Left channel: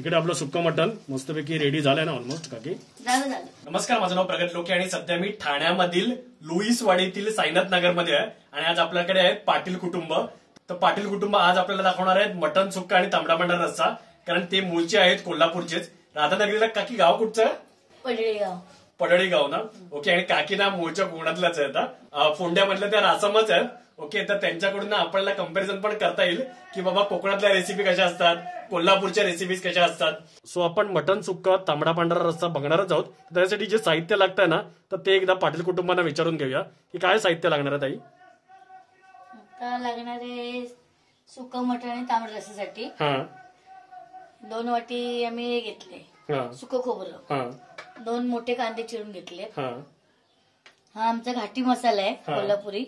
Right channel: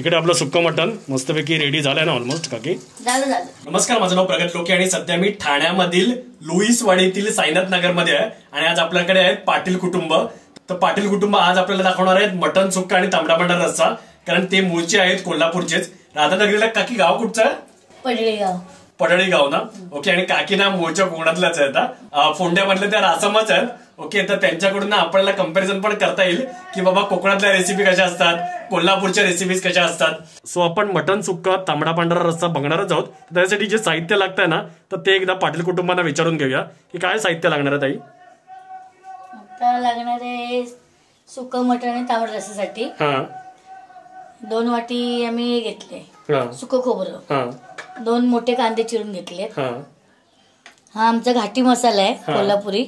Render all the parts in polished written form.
इकडे आपलं सुक्कं मटण मस्तपैकी रेडी झालंय ना ऑलमोस्ट काकी. नमस्कार, माझं नाव प्रगतलोके आणि सध्या मी ठाण्यामधील लुईसवाडीतील साईनाथ नगर मध्ये आहे आणि आज आपल्याकडे आहेत पाटील कुटुंब. तर पाटील कुटुंब आज आपल्याला दाखवणार आहेत मटण सुक्का आणि तांबडा पांढरा रस्सा, कारण ते मूळचे आहेत कोल्हापूरचेच. राधानगरीला काकी गाव कुठचं आहे? पडळी गाव ना. ओके. आणि काकी ना मूळच्या कोकणातल्याच आहेत, फोंड्यामधल्या त्या रासमच आहेत. ओके. तर त्यांच्याकडून आपल्याला कंपॅरिझन पण करता येईल की बाबा कोकणातल्या रेसिपी कशा असतात, कोल्हापूरच्या रेसिपीज कशा असतात. सो आपण मटण सुक्का तांबडा पांढरा रस्सा बघणारच आहोत. त्यासाठी जे साहित्य लागतंय ना तर ते एकदा पाटील कुटुंबांना विचारून घेऊया की काय साहित्य लागणार आहे ताई. आता लागणार आहे सुक्कं मटण आणि तांबडा रस्स्यासाठी 2 वाटी आम्ही घेतले सुक्कं खोबरं, 2 मोठे कांदे चिरून घेतलेत. हा आमचा घाटी मसाला आहे कोल्हापुरी.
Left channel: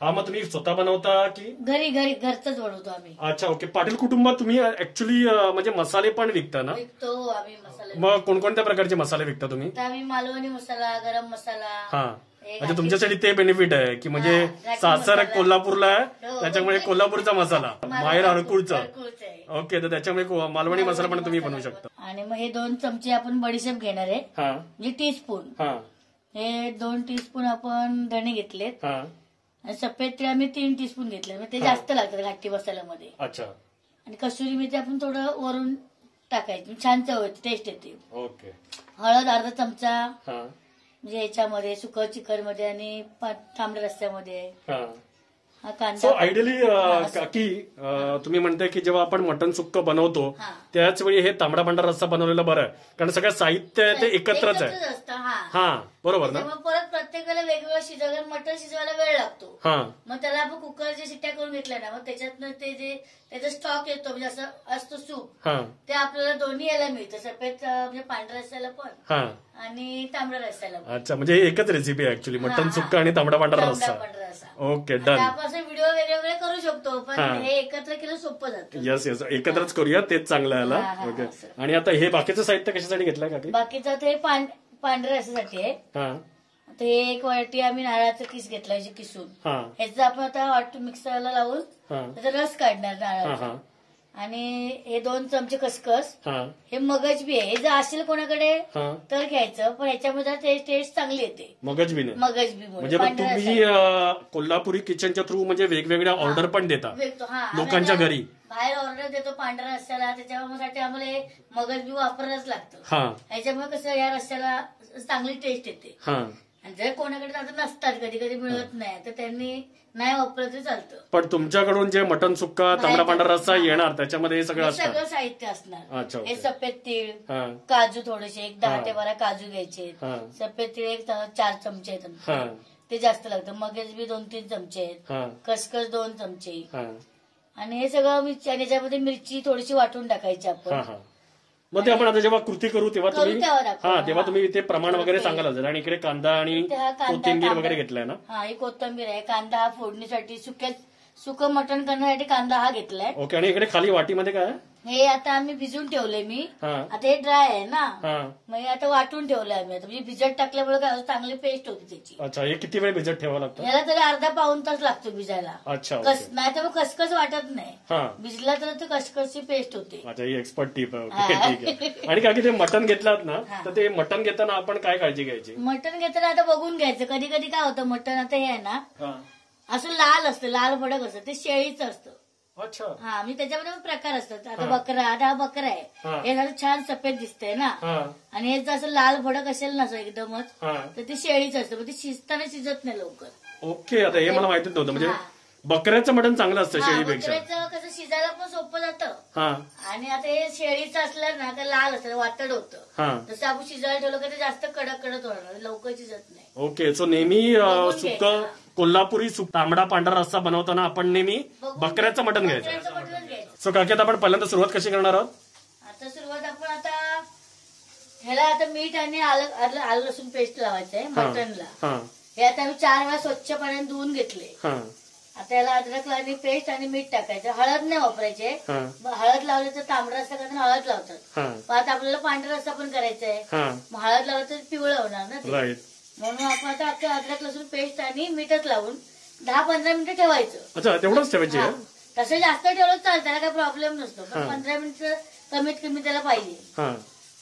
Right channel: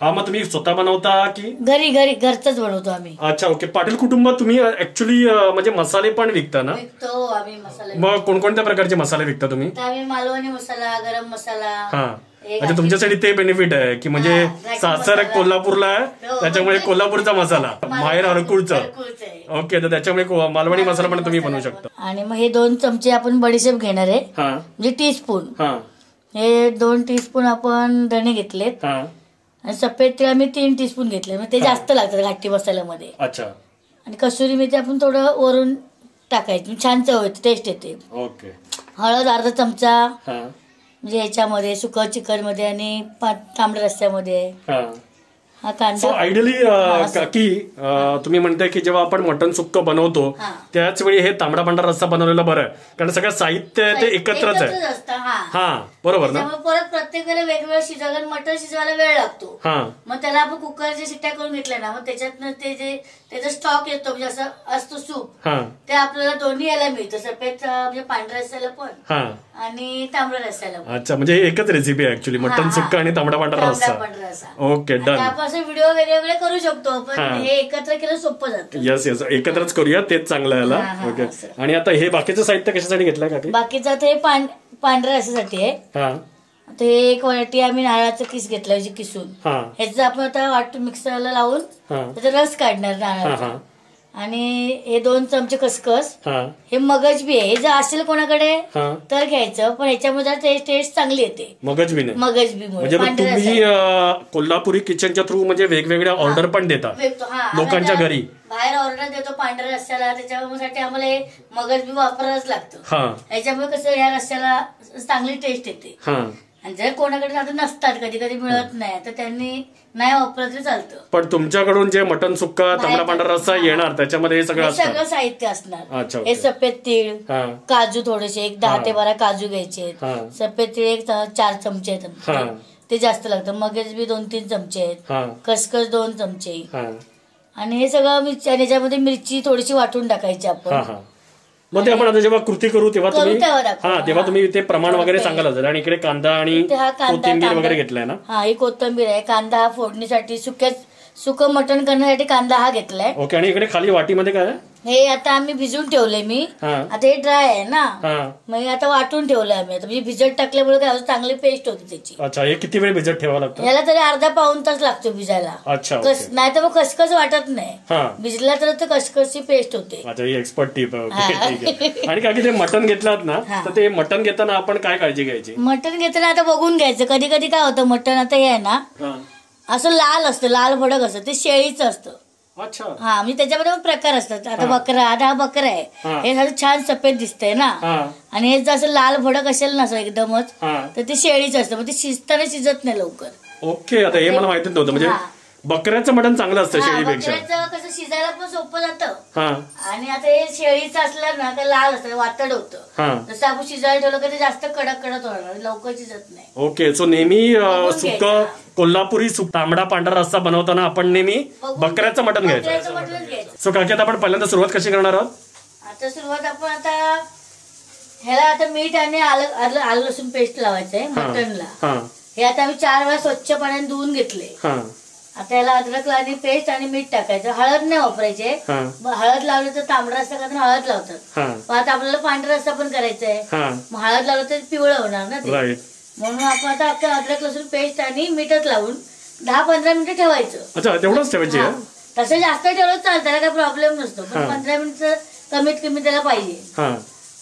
हा मग तुम्ही स्वतः बनवता की घरचाच बनवतो आम्ही? अच्छा. ओके. पाटील कुटुंबात तुम्ही ऍक्च्युली म्हणजे मसाले पण विकता ना? विकतो आम्ही मसाले. मग कोणकोणत्या प्रकारचे मसाले विकता तुम्ही? आम्ही मालवणी मसाला, गरम मसाला. अच्छा, तुमच्यासाठी ते बेनिफिट आहे की म्हणजे सासर कोल्हापूरला आहे त्याच्यामुळे कोल्हापूरचा मसाला, माहेर हरकुळचा. ओके. तर त्याच्यामुळे मालवणी मसाला पण तुम्ही बनवू शकता. आणि मग हे 2 चमचे आपण बडीशेप घेणार आहे, म्हणजे टीस्पून. हे 2 टीस्पून आपण धणे घेतलेत आणि सफेद तेल आम्ही 3 टीस्पून घेतले, म्हणजे ते जास्त लागतात घाटी मसाल्यामध्ये. अच्छा. आणि कसुरी मेथी आपण थोडं वरून टाकायची, छान चव येते, टेस्ट येते. ओके. हळद अर्धा चमचा, म्हणजे याच्यामध्ये सुकं चिकन मध्ये आणि तांबड्या रस्स्यामध्ये. हा कांदा आयडियली काकी तुम्ही म्हणताय की जेव्हा आपण मटण सुक्कं बनवतो त्याच वेळी हे तांबडा पांढरा रस्सा बनवलेला बरं आहे, कारण सगळं साहित्य ते एकत्रच आहे. हा बरोबर ना. परत प्रत्येक वेळेला वेगवेगळं शिजायला, मटण शिजवायला वेळ लागतो. मग त्याला आपण कुकरच्या शिट्ट्या करून घेतल्या ना, मग त्याच्यातनं ते जे त्याचा स्टॉक येतो, म्हणजे असं असतो सूप, ते आपल्याला दोन्ही याला मिळतं, सफेद म्हणजे पांढऱ्या रस्स्याला पण आणि तांबड्या रस्स्याला पण. अच्छा, म्हणजे एकच रेसिपी आहे ऍक्च्युली, मटण सुक्का आणि तांबडा पांढरा रस्सा. Okay, done. आपण व्हिडिओ वेगळे करू शकतो, पण हे एकत्र केलं सोपं जातं. यस यस, एकत्रच करूया, तेच चांगलं आहे. ओके. आणि आता हे बाकीचं साहित्य कशासाठी घेतलंय काकी? बाकीचं आता हे पांढऱ्या रस्स्यासाठी आहे. आता हे 1 वाटी आम्ही नारळाचं किस घेतलं किसून, ह्याचं आपण आता वाटून मिक्सरला लावून त्याचा रस काढणार नारळाचा. आणि हे 2 चमचे खसखस, हे मगज बी आहे, हे जर असेल कोणाकडे तर घ्यायचं, पण ह्याच्यामध्ये टेस्ट चांगली येते. मगज बी म्हणजे तुम्ही कोल्हापुरी किचनच्या थ्रू म्हणजे वेगवेगळ्या ऑर्डर पण देता लोकांच्या घरी? बाहेर ऑर्डर देतो पांढऱ्या रस्स्याला, त्याच्यासाठी आम्हाला हे मगज बी वापरायलाच लागतं. ह्याच्यामुळे कसं ह्या रस्स्याला चांगली टेस्ट येते. आणि जर कोणाकडे आता नसतात, कधी कधी मिळत नाही, तर त्यांनी नाही वापरलं तरी चालतं. पण तुमच्याकडून जे मटण सुक्का तांबडा पांढरा रस्सा येणार त्याच्यामध्ये हे सगळं साहित्य असणार. हे सफेद तीळ, काजू थोडेसे 10 ते 12 काजू घ्यायचे, सफेद तीळ 4 चमचे आहेत, ते जास्त लागतं. मगज बी 2-3 चमचे आहेत, खसखस 2 चमचे, आणि हे सगळं याच्यामध्ये मिरची थोडीशी वाटून टाकायची आपण. मग ते आपण आता जेव्हा कृती करू तेव्हा तुम्ही ते प्रमाण वगैरे सांगायला जाईल. आणि इकडे कांदा आणि कोथिंबीर वगैरे घेतलाय ना? हा, ही कोथिंबीर आहे. कांदा हा फोडणीसाठी, सुकं मटण करण्यासाठी कांदा हा घेतलाय. ओके. आणि इकडे खाली वाटीमध्ये काय आहे? हे आता आम्ही भिजून ठेवले मी, आता हे ड्राय आहे ना, मग आता वाटून ठेवलंय आम्ही. आता म्हणजे भिजत टाकल्यामुळे काय चांगली पेस्ट होती त्याची. अच्छा. हे किती वेळ भिजत ठेवावं लागतं? याला तरी अर्धा पाऊण तास लागतो भिजायला. अच्छा. नाही तर मग खसखस वाटत नाही, भिजला तर खसखसची पेस्ट होते. अच्छा, ही एक्सपर्ट टिप आहे. ठीक आहे. आणि काय ते मटण घेतलात ना, तर ते मटण घेताना आपण काय काळजी घ्यायची? मटण घेताना आता बघून घ्यायचं. कधी कधी काय होतं, मटण आता हे आहे ना असं लाल असतं, लाल भडक असतं, ते शेळीचं असतं. अच्छा. हा, म्हणजे त्याच्यामध्ये पण प्रकार असतात. आता बकरा, आता हा बकरा आहे, हे असं छान सफेद दिसतंय ना, आणि हे जर असं लाल भडक असेल ना एकदमच, तर ते शेळीचं असतं, मग ते शिजताना शिजत नाही लवकर. ओके. आता हे मला माहितीच नव्हतं, म्हणजे बकऱ्याचं मटण चांगलं असतं शेळीपेक्षा. कसं शिजायला पण सोपं जातं, आणि आता हे शेळीचं असलं ना तर लाल असतं, वातड होतं. जसं आपण शिजायला ठेवलं की ते जास्त कडक होणार, लवकर शिजत नाही. ओके. सो नेहमी सुक्कं कोल्हापुरी तांबडा पांढरा रस्सा बनवताना आपण नेहमी बकऱ्याचं मटण घ्यायचं. सो काकी आता आपण पहिल्यांदा सुरुवात कशी करणार आहोत? आता सुरुवात आपण आता ह्याला आता मीठ आणि आलं लसूण पेस्ट लावायचंय मटणला. हे आता आम्ही 4 वेळा स्वच्छ पाण्याने धुवून घेतले. आता याला अद्रक आणि पेस्ट आणि मीठ टाकायचं. हळद नाही वापरायचे, हळद लावली तर तांबडा रस्सा करताना हळद लावतात, पण आता आपल्याला पांढरा रस्सा पण करायचा आहे, मग हळद लावलं तर पिवळं होणार ना ते. म्हणून आपण आता अद्रक लसूण पेस्ट आणि मीठच लावून 10-15 मिनिटं ठेवायचं. अच्छा, तेवढंच ठेवायचं? तसं जास्त ठेवलं चालतं, त्याला काही प्रॉब्लेम नसतो, पण 15 मिनिटं कमीत कमी त्याला पाहिजे.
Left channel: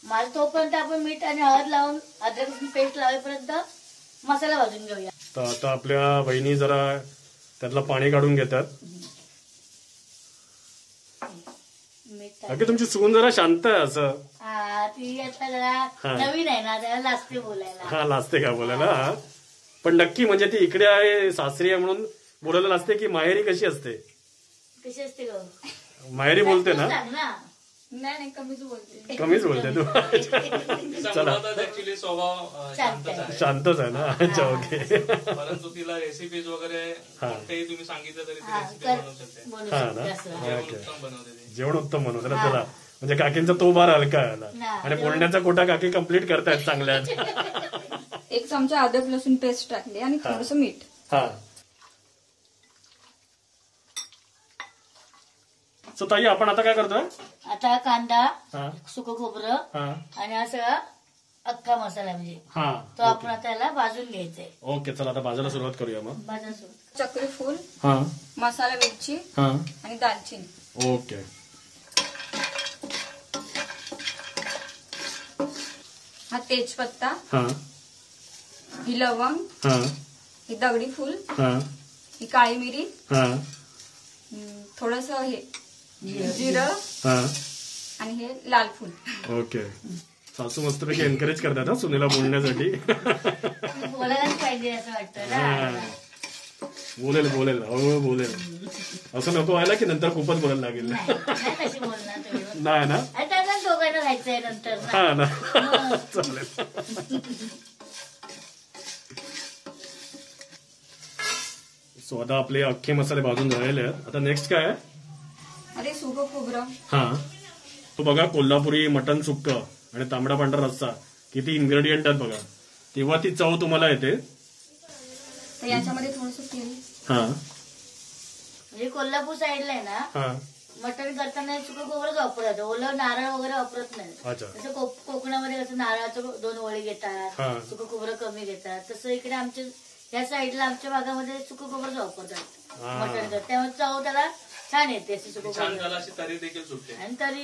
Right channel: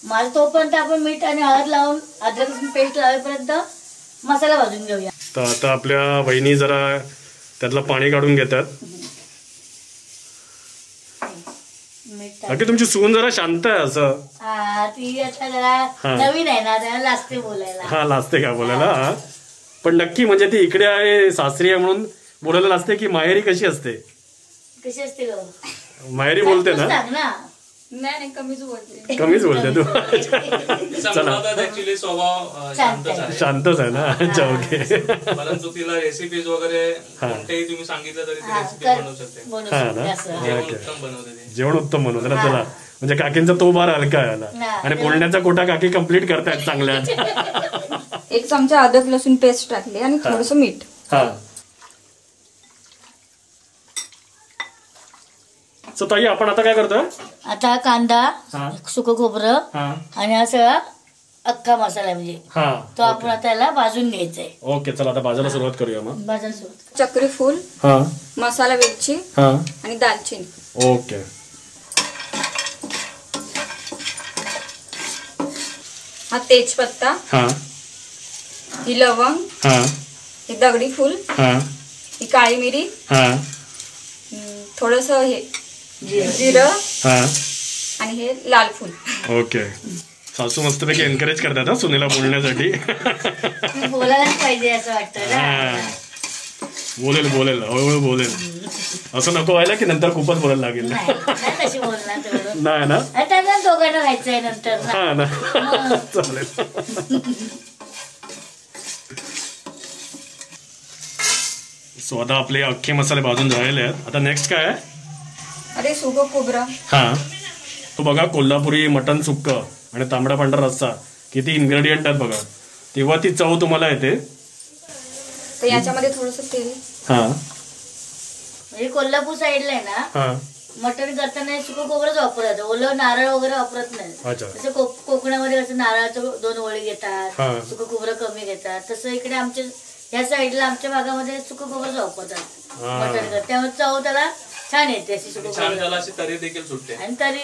मला तोपर्यंत आपण मीठ आणि हळद लावून अद्रक लसूण पेस्ट लावेपर्यंत मसाला भाजून घेऊया. तर आता आपल्या वहिनी जरा त्यातलं पाणी काढून घेतात. तुमची सून जरा शांत आहे असं. ती आता जरा नवीन आहे ना, त्याला लाजते बोलायला. हा, लाजते का बोलायला? पण नक्की म्हणजे ती इकडे आहे, सासरी आहे म्हणून बोलायला लाजते की माहेरी कशी असते? कशी असते ग? माहेरी बोलते ना? नाही, कमीच बोलते. कमीच बोलते तू? चला, शांतच आहे ना. अच्छा, ओके. परंतु तिला रेसिपीज वगैरे कोणतेही तुम्ही सांगितलं तरी ती रेसिपी बनवू शकते. हा ना, जेवण उत्तम बनवते ना. चला, म्हणजे काकींचा तो बार हलका आहे आणि बोलण्याचा कोटा काकी कम्प्लीट करतायत चांगल्या. 1 चमचा अद्रक लसूण पेस्ट टाकली आणि थोडंसं मीठ. हा. सो ताई, आपण आता काय करतोय? आता कांदा, सुकं खोबरं आणि हा सगळा अख्खा मसाला म्हणजे तो आपण आता याला भाजून घ्यायचा आहे. ओके, चला आता भाजायला सुरुवात करूया. मग भाजायला सुरुवात. चक्री फूल, मसाला वेलची आणि दालचिनी. ओके. हा तेजपत्ता, ही लवंग, ही दगडी फूल, ही काळी मिरी, थोडस हे जिरं आणि हे लाल फूल. ओके. सासू मस्तपैकी एनकरेज करतात हा सुनेला बोलण्यासाठी. बोलायलाच पाहिजे असं वाटतं. बोलेल हळूहळू बोलेल. असं नको व्हायला की नंतर खूपच बोलायला लागेल. नाही ना, दोघांना राहायचंय नंतर. हा ना, चालेल. सो आता आपले अख्खे मसाले भाजून झालेले आहेत. आता नेक्स्ट काय आहे? अरे सुकं खोबरं. तो बघा, कोल्हापुरी मटन सुक्क आणि तांबडा पांढरा रस्सा किती इन्ग्रेडियंट आहेत बघा. तेव्हा ती चव तुम्हाला येते. तर याच्यामध्ये थोडंसं तेल. म्हणजे कोल्हापूर साईडला आहे ना, मटण करताना सुकं खोबरंच वापरतात, ओलं नारळ वगैरे वापरत नाही. जसं कोकणामध्ये कसं नारळाचं 2 वळी घेतात, सुकं खोबरं कमी घेतात, तसं इकडे आमच्या ह्या साईडला आमच्या भागामध्ये सुकं खोबरंच वापरतात मटण करतात. त्यामुळे चव त्याला छान येते, अशी सुकं खोबरं तरी देखील सुटते आणि तरी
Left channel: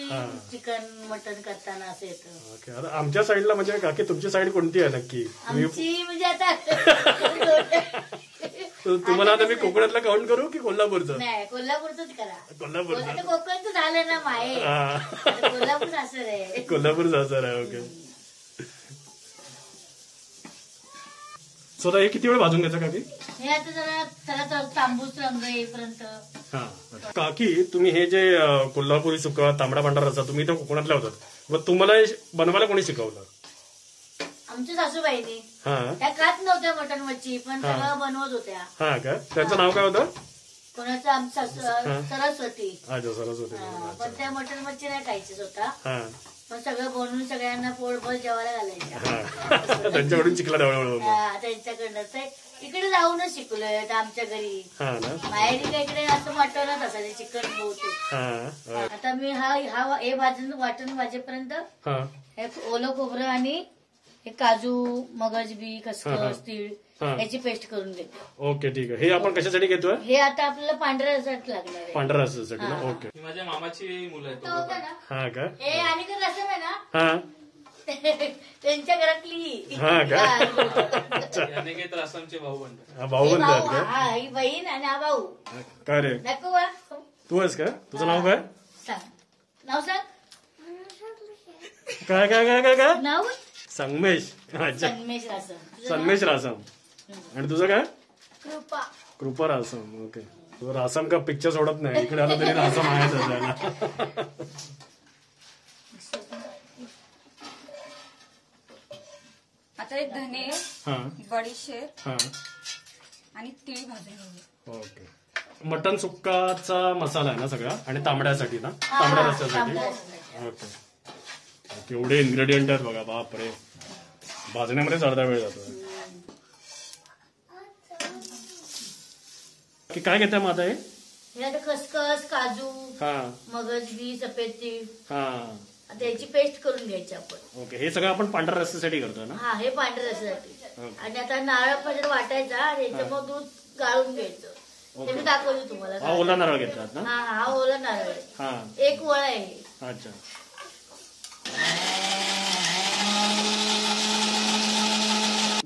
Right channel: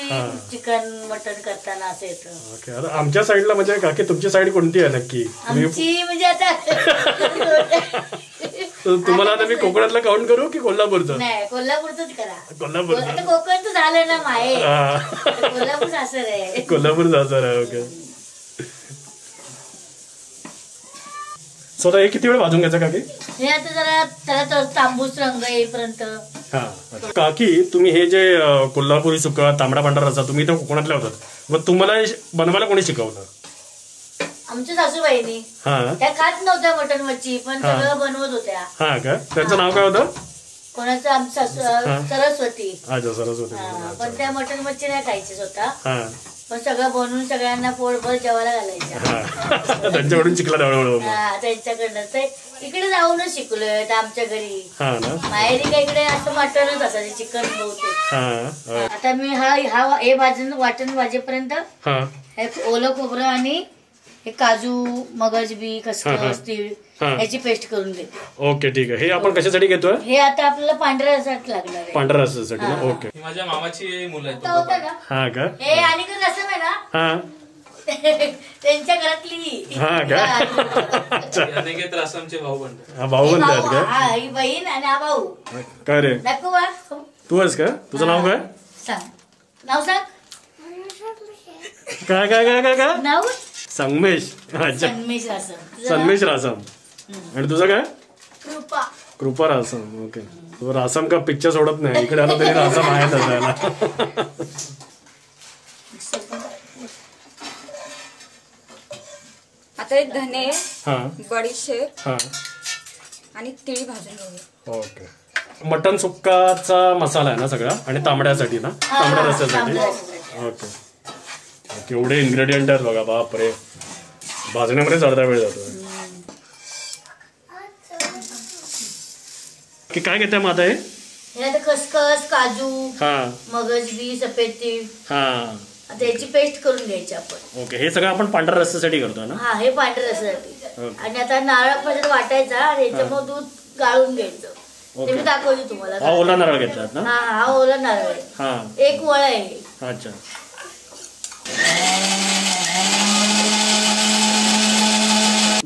चिकन मटण करताना असं येतं. आमच्या साईडला म्हणजे काकी तुमची साईड कोणती आहे नक्की? आमची म्हणजे आता तुम्हाला आता मी कोकणातला काउंट करू की कोल्हापूरचं? नाही, कोल्हापूरच करा. कोल्हापूर कोकणचं झालं ना माहेर, कोल्हापूर सासर आहे. कोल्हापूर सासर आहे. ओके. स्वतः हे किती वेळ भाजून घ्यायचं काकी? हे आता जरा त्याला तांबूस रंग येईपर्यंत. काकी, तुम्ही हे जे कोल्हापुरी सुक्का तांबडा पांढरा रस्सा तुम्ही इथं कोकणातल्या होतात, मग तुम्हाला बनवायला कोणी शिकवलं? आमच्या सासूबाईंनी. त्या खात नव्हत्या मटण मच्छी, पण सगळं बनवत होत्या. हा का? त्यांचं नाव काय होतं? कोणाचं? आमच्या सरस्वती. अच्छा, सरस्वती. पण त्या मटण मच्छी नाही खायची स्वतः, पण सगळं बनवून सगळ्यांना पोटभर जेवायला घालायचं. त्यांच्याकडून शिकला हळूहळू? त्यांच्याकडनं. ते इकडे जाऊनच शिकलोय आमच्या घरी. माहेरी का इकडे असं मटणच असायचं, चिकन बहुतेक. आता मी हे भाजून वाटण भाजेपर्यंत हे ओलं खोबरं आणि हे काजू, मगज बी, खसखस, तीळ याची पेस्ट करून घेते. ओके, ठीक आहे. हे आपण कशासाठी घेतोय? हे आता आपल्याला पांढऱ्या रसासाठी लागणार आहे. पांढऱ्या रसासाठी ना? ओके. माझ्या मामाची मुलं आहेत. हा का? हे आणि रसम आहे ना, त्यांच्या घरातली. हा का? रसमचे भाऊ बनतात. भाऊ बनतात का? ही बहीण आणि हा भाऊ. काय रे, दाखव. तू आहेस का? तुझं नाव काय? सांग नाव. सांग काय काय काय काय काय नाव? संगमेश. अच्छा, सन्मेश रासम. आणि तुझं काय? कृपा रासम. ओके. तो रासम का पिक्चर सोडत नाही, इकडे आला तरी रासम आहे त्याला. आता एक धने, बडीशेप आणि तीळ भाजून घेऊया. ओके. मटन सुक्काचा मसाला आहे ना सगळा, आणि तांबड्यासाठी ना, तांबड्या रस्त्यासाठी. ओके. केवढे इन्ग्रेडियंट आहेत बघा, बापरे. भाजण्यामध्येच अर्धा वेळ जातो. काय घेते मग आता हे? खसखस, काजू, मगज बी, सफेद तीळ, त्याची पेस्ट करून घ्यायची आपण. ओके. हे सगळं आपण पांढऱ्या रस्त्यासाठी करतो ना? हा, हे पांढऱ्या रस्त्यासाठी. आणि आता नारळ पण वाटायचा आणि याच्यामुळे दूध गाळून घ्यायचं. ते मी दाखवली तुम्हाला. हा ओला नारळ घेतलात ना? हा ओला नारळ आहे. 1 वळ आहे. अच्छा.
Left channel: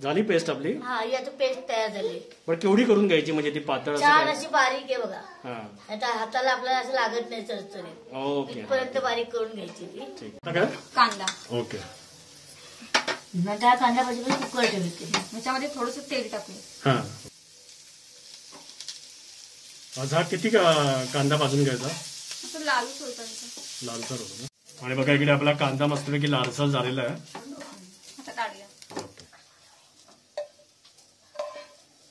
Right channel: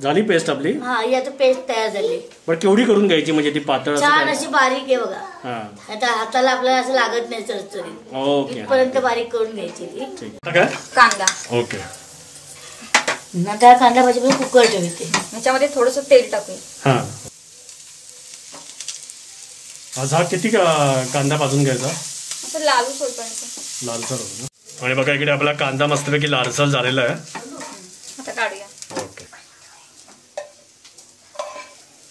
झाली पेस्ट आपली. हा ही आता पेस्ट तयार झाली. पण केवढी करून घ्यायची म्हणजे ती पातळ छान अशी बारीक आहे बघा. आता हाताला आपल्याला असं लागत नाही चरचरीत. ओके. इथपर्यंत बारीक करून घ्यायची ती. ठीक. काय कांदा. ओके. नंतर कांदा भाजी पण कुकर ठेवते. याच्यामध्ये थोडंसं तेल टाकूया. आज हा किती कांदा भाजून घ्यायचा? असं लालसर होतं. लालसर होतो ना. आणि बघा इकडे आपला कांदा मस्तपैकी लालसर झालेला आहे. आता काढूया. ओके.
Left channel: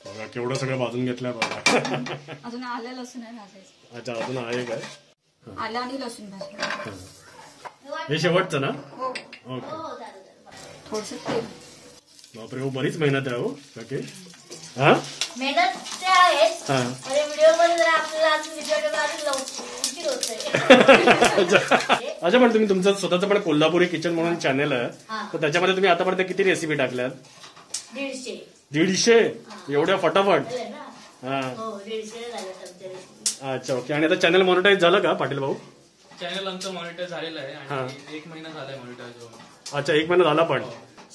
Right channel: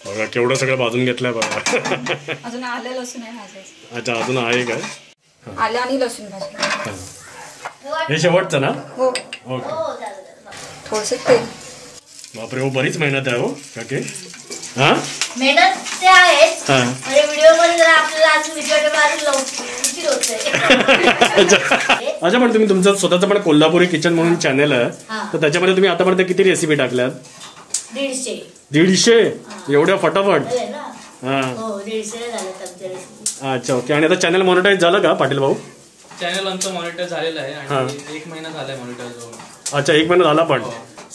बघा केवढं सगळं भाजून घेतलंय बघा. अजून आलं लसूण आहे भाजायचं. अच्छा अजून आहे काय? आलं आणि लसूण भाजून. हे शेवटचं ना? हो. ओके. थोडंसं तेल. बापरे हो बरीच मेहनत आहे हो काकी. हा मेहनत ते आहेच. व्हिडिओ मध्ये जरा आपल्याला अजून उशीर होतोय. अच्छा पण तुम्ही तुमचं स्वतःचं पण कोल्हापुरी किचन म्हणून चॅनल आहे तर त्याच्यामध्ये तुम्ही आतापर्यंत किती रेसिपी टाकल्यात? 150 एवढ्या फटाफट. अच्छा ओके. आणि आता चॅनल मॉनिटाईज झालं का पाटील भाऊ? चॅनल आमचं मॉनिटर झालेलं आहे आणि 1 महिना झालाय मॉनिटर जाऊन. अच्छा 1 महिना झाला. पण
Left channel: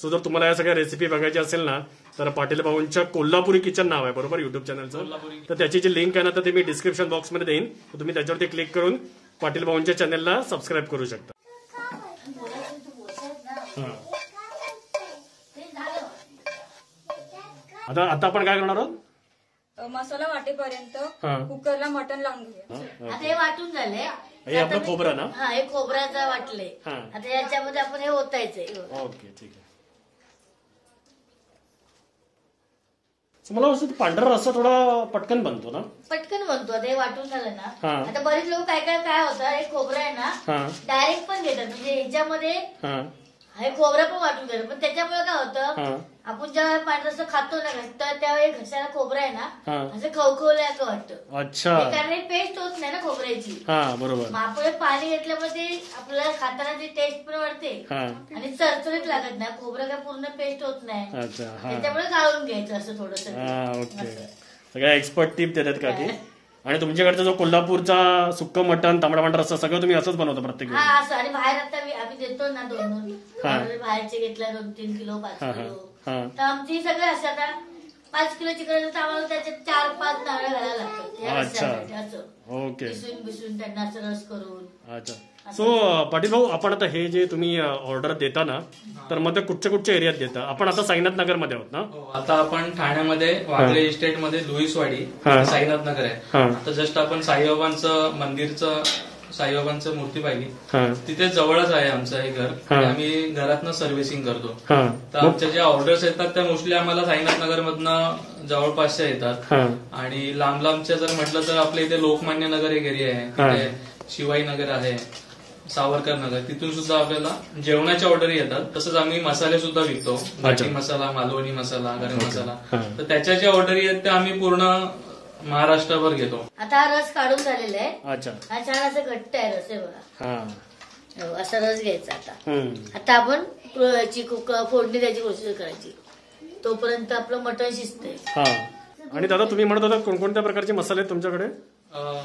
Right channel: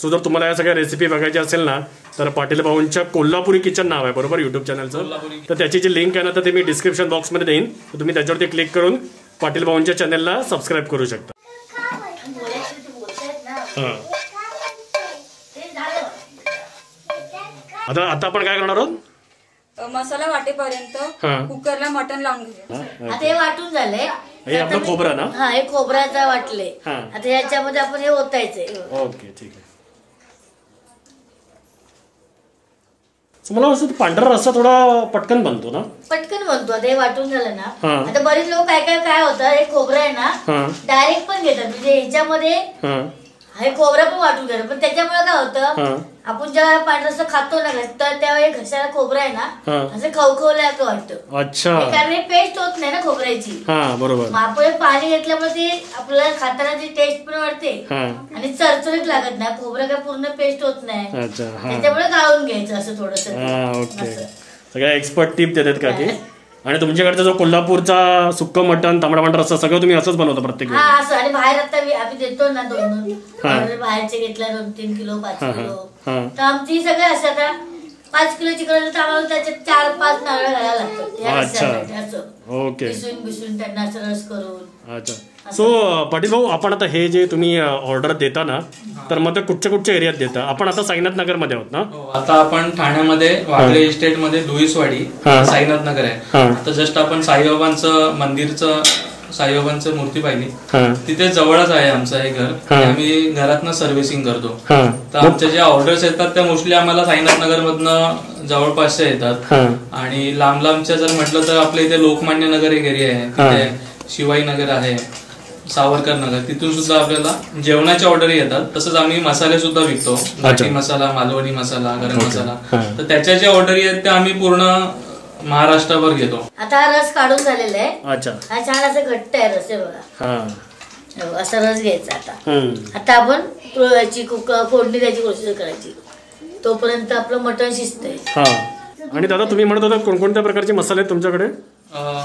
सो जर तुम्हाला या सगळ्या रेसिपी बघायची असेल ना तर पाटील भाऊंच्या कोल्हापुरी किचन नाव आहे बरोबर युट्यूब चॅनलचं. तर त्याची जी लिंक आहे ना तर ते मी डिस्क्रिप्शन बॉक्समध्ये देईन. तर तुम्ही त्याच्यावरती क्लिक करून पाटील भाऊंच्या चॅनलला सबस्क्राईब करू शकता. आता आपण काय करणार आहोत? मसाला वाटेपर्यंत कुकरला मटण लावून घेऊया. आता हे वाटून झालंय. हे आपलं खोबरं ना? हा हे खोबऱ्याचा वाटले. आता याच्यामध्ये आपण हे ओतायचंय. ओके ठीक आहे. मला असं पांढरा रस्सा थोडा पटकन बनतो ना? पटकन बनतो. आता हे वाटून झालं ना. आता बरेच लोक काय होतं हे खोबरं आहे ना डायरेक्ट पण घेतात. म्हणजे ह्याच्यामध्ये हे खोबरं पण वाटून घेतात. पण त्याच्यामुळे काय होतं आपण जेव्हा पांढरा रस्सा खातो ना तर त्यावेळी घशाला खोबरं आहे ना असं खवखवल्याचं वाटतं. अच्छा. कारण हे पेस्ट होत नाही ना खोबऱ्याची. बरोबर. आपण पाणी घेतल्यामुळे ते आपल्याला खाताना ती टेस्ट पण वाढते आणि चरचरीत लागत नाही. खोबरं काय पूर्ण पेस्ट होत नाही. त्याच्यामुळे गाळून घ्यायचं असं थोडस. ओके. सगळ्या एक्सपर्ट टिप देतात का की? आणि तुमच्याकडचा जो कोल्हापूरचा सुक्क मटण तांबडा पांढरा रस्सा सगळं तुम्ही असंच बनवता प्रत्येक वेळी? असं. आणि बाहेर आता आम्ही देतो ना 2 बाहेरचे घेतला 2-3 किलो 5 किलो तर आमची सगळं असं आता 5 किलोची करायचं तर आम्हाला त्याच्यात 4-5 नारळ घालायला लागतात. ओके. बिसून त्यांना असं रस करून. अच्छा. सो पाटील भाऊ आपण आता हे जे तुम्ही ऑर्डर देता ना तर मग ते कुठच्या एरियात देता? आपण आता साईनाथ नगर मध्ये आहोत ना? आता आपण ठाण्यामध्ये वागळे इस्टेट मध्ये लुईसवाडी साईनाथ नगर आहे. आता जस्ट आपण साईबाबांचं मूर्ती पाहिली तिथे जवळच आहे आमचं हे घर. आम्ही घरातनं सर्व्हिसिंग करतो. तर आमच्या ज्या ऑर्डर्स येतात त्या मोस्टली आम्हाला साईनाथ नगर मधनं जवळपासच्या येतात. आणि लांबच्या जर म्हटलं तर आपल्या इथे लोकमान्य नगर एक एरिया आहे. तिथे शिवाई नगर आहे, सावरकर नगर, तिथून सुद्धा आपल्याला जेवणाच्या ऑर्डर येतात. तसंच आम्ही मसाले सुद्धा विकतो. घाटी मसाला, मालवणी मसाला, गरम मसाला. तर त्याच्या ज्या ऑर्डर आहेत त्या आम्ही पूर्ण महाराष्ट्रभर घेतो. आता हा रस काढून झालेला आहे. अच्छा. हा छान असं घट्ट आहे रस आहे बघा. असा रस घ्यायचा. आता आपण फोडणी द्यायची प्रोसेस करायची. तोपर्यंत आपलं मटण शिजतंय. आणि दादा तुम्ही म्हणत होता कोणकोणत्या प्रकारचे मसाले आहेत तुमच्याकडे?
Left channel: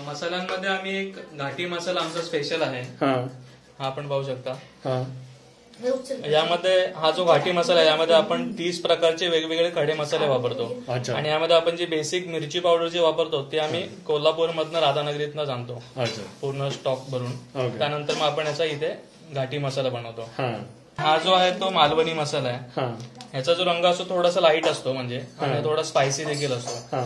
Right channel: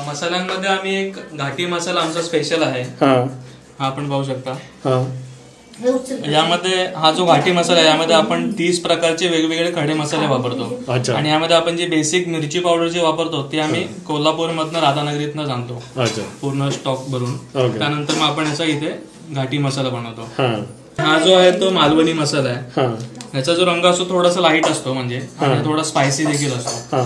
मसाल्यांमध्ये आम्ही एक घाटी मसाला आमचा स्पेशल आहे. हा आपण पाहू शकता. यामध्ये हा जो घाटी मसाला आहे यामध्ये आपण 30 प्रकारचे वेगवेगळे खडे मसाले वापरतो. आणि यामध्ये आपण जी बेसिक मिरची पावडर जे वापरतो ते आम्ही कोल्हापूर मधनं राधानगरीतनं जाणतो पूर्ण स्टॉक भरून. त्यानंतर मग आपण याचा इथे घाटी मसाला बनवतो. हा जो आहे तो मालवणी मसाला आहे. याचा जो रंग असतो थोडासा लाईट असतो म्हणजे थोडा स्पायसी देखील असतो.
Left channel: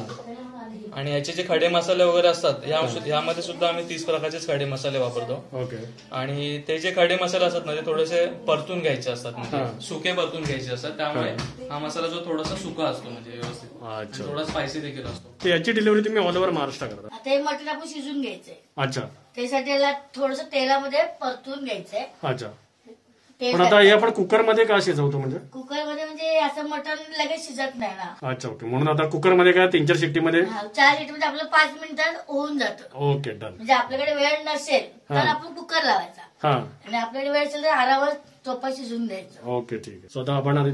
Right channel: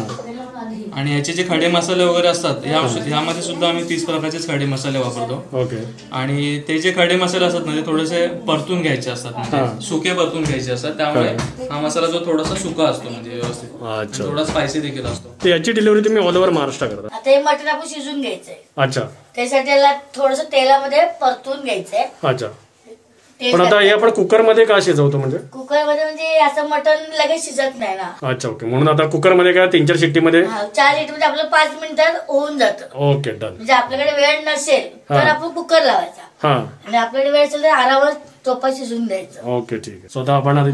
आणि याचे जे खडे मसाले वगैरे असतात यामध्ये सुद्धा आम्ही 30 प्रकारचेच खडे मसाले वापरतो. आणि ते जे खडे मसाले असतात ना ते थोडेसे परतून घ्यायचे असतात म्हणजे सुके परतून घ्यायचे असतात. त्यामुळे हा मसाला जो थोडासा सुका असतो म्हणजे व्यवस्थित थोडा स्पायसी देखील असतो. याची डिलिव्हरी तुम्ही ऑल ओव्हर महाराष्ट्र करता? आता हे मटण आपण शिजून घ्यायचंय. अच्छा. त्यासाठी याला थोडस तेलामध्ये परतून घ्यायचंय. अच्छा. पण आता हे आपण कुकर मध्ये का शिजवतो? म्हणजे कुकर मध्ये म्हणजे असं मटण लगेच शिजत नाही ना. अच्छा ओके. म्हणून आता कुकर मध्ये काय 3-4 शिट्टी मध्ये 4 शिट्टी मध्ये आपलं 5 मिनिटात होऊन जातं. Okay done. म्हणजे आपल्याकडे वेळ नसेल तर आपण कुकर लावायचा आणि आपल्याकडे वेळ असेल तर आरामात चोपा शिजून द्यायचं. ओके ठीक आहे. स्वतः आपण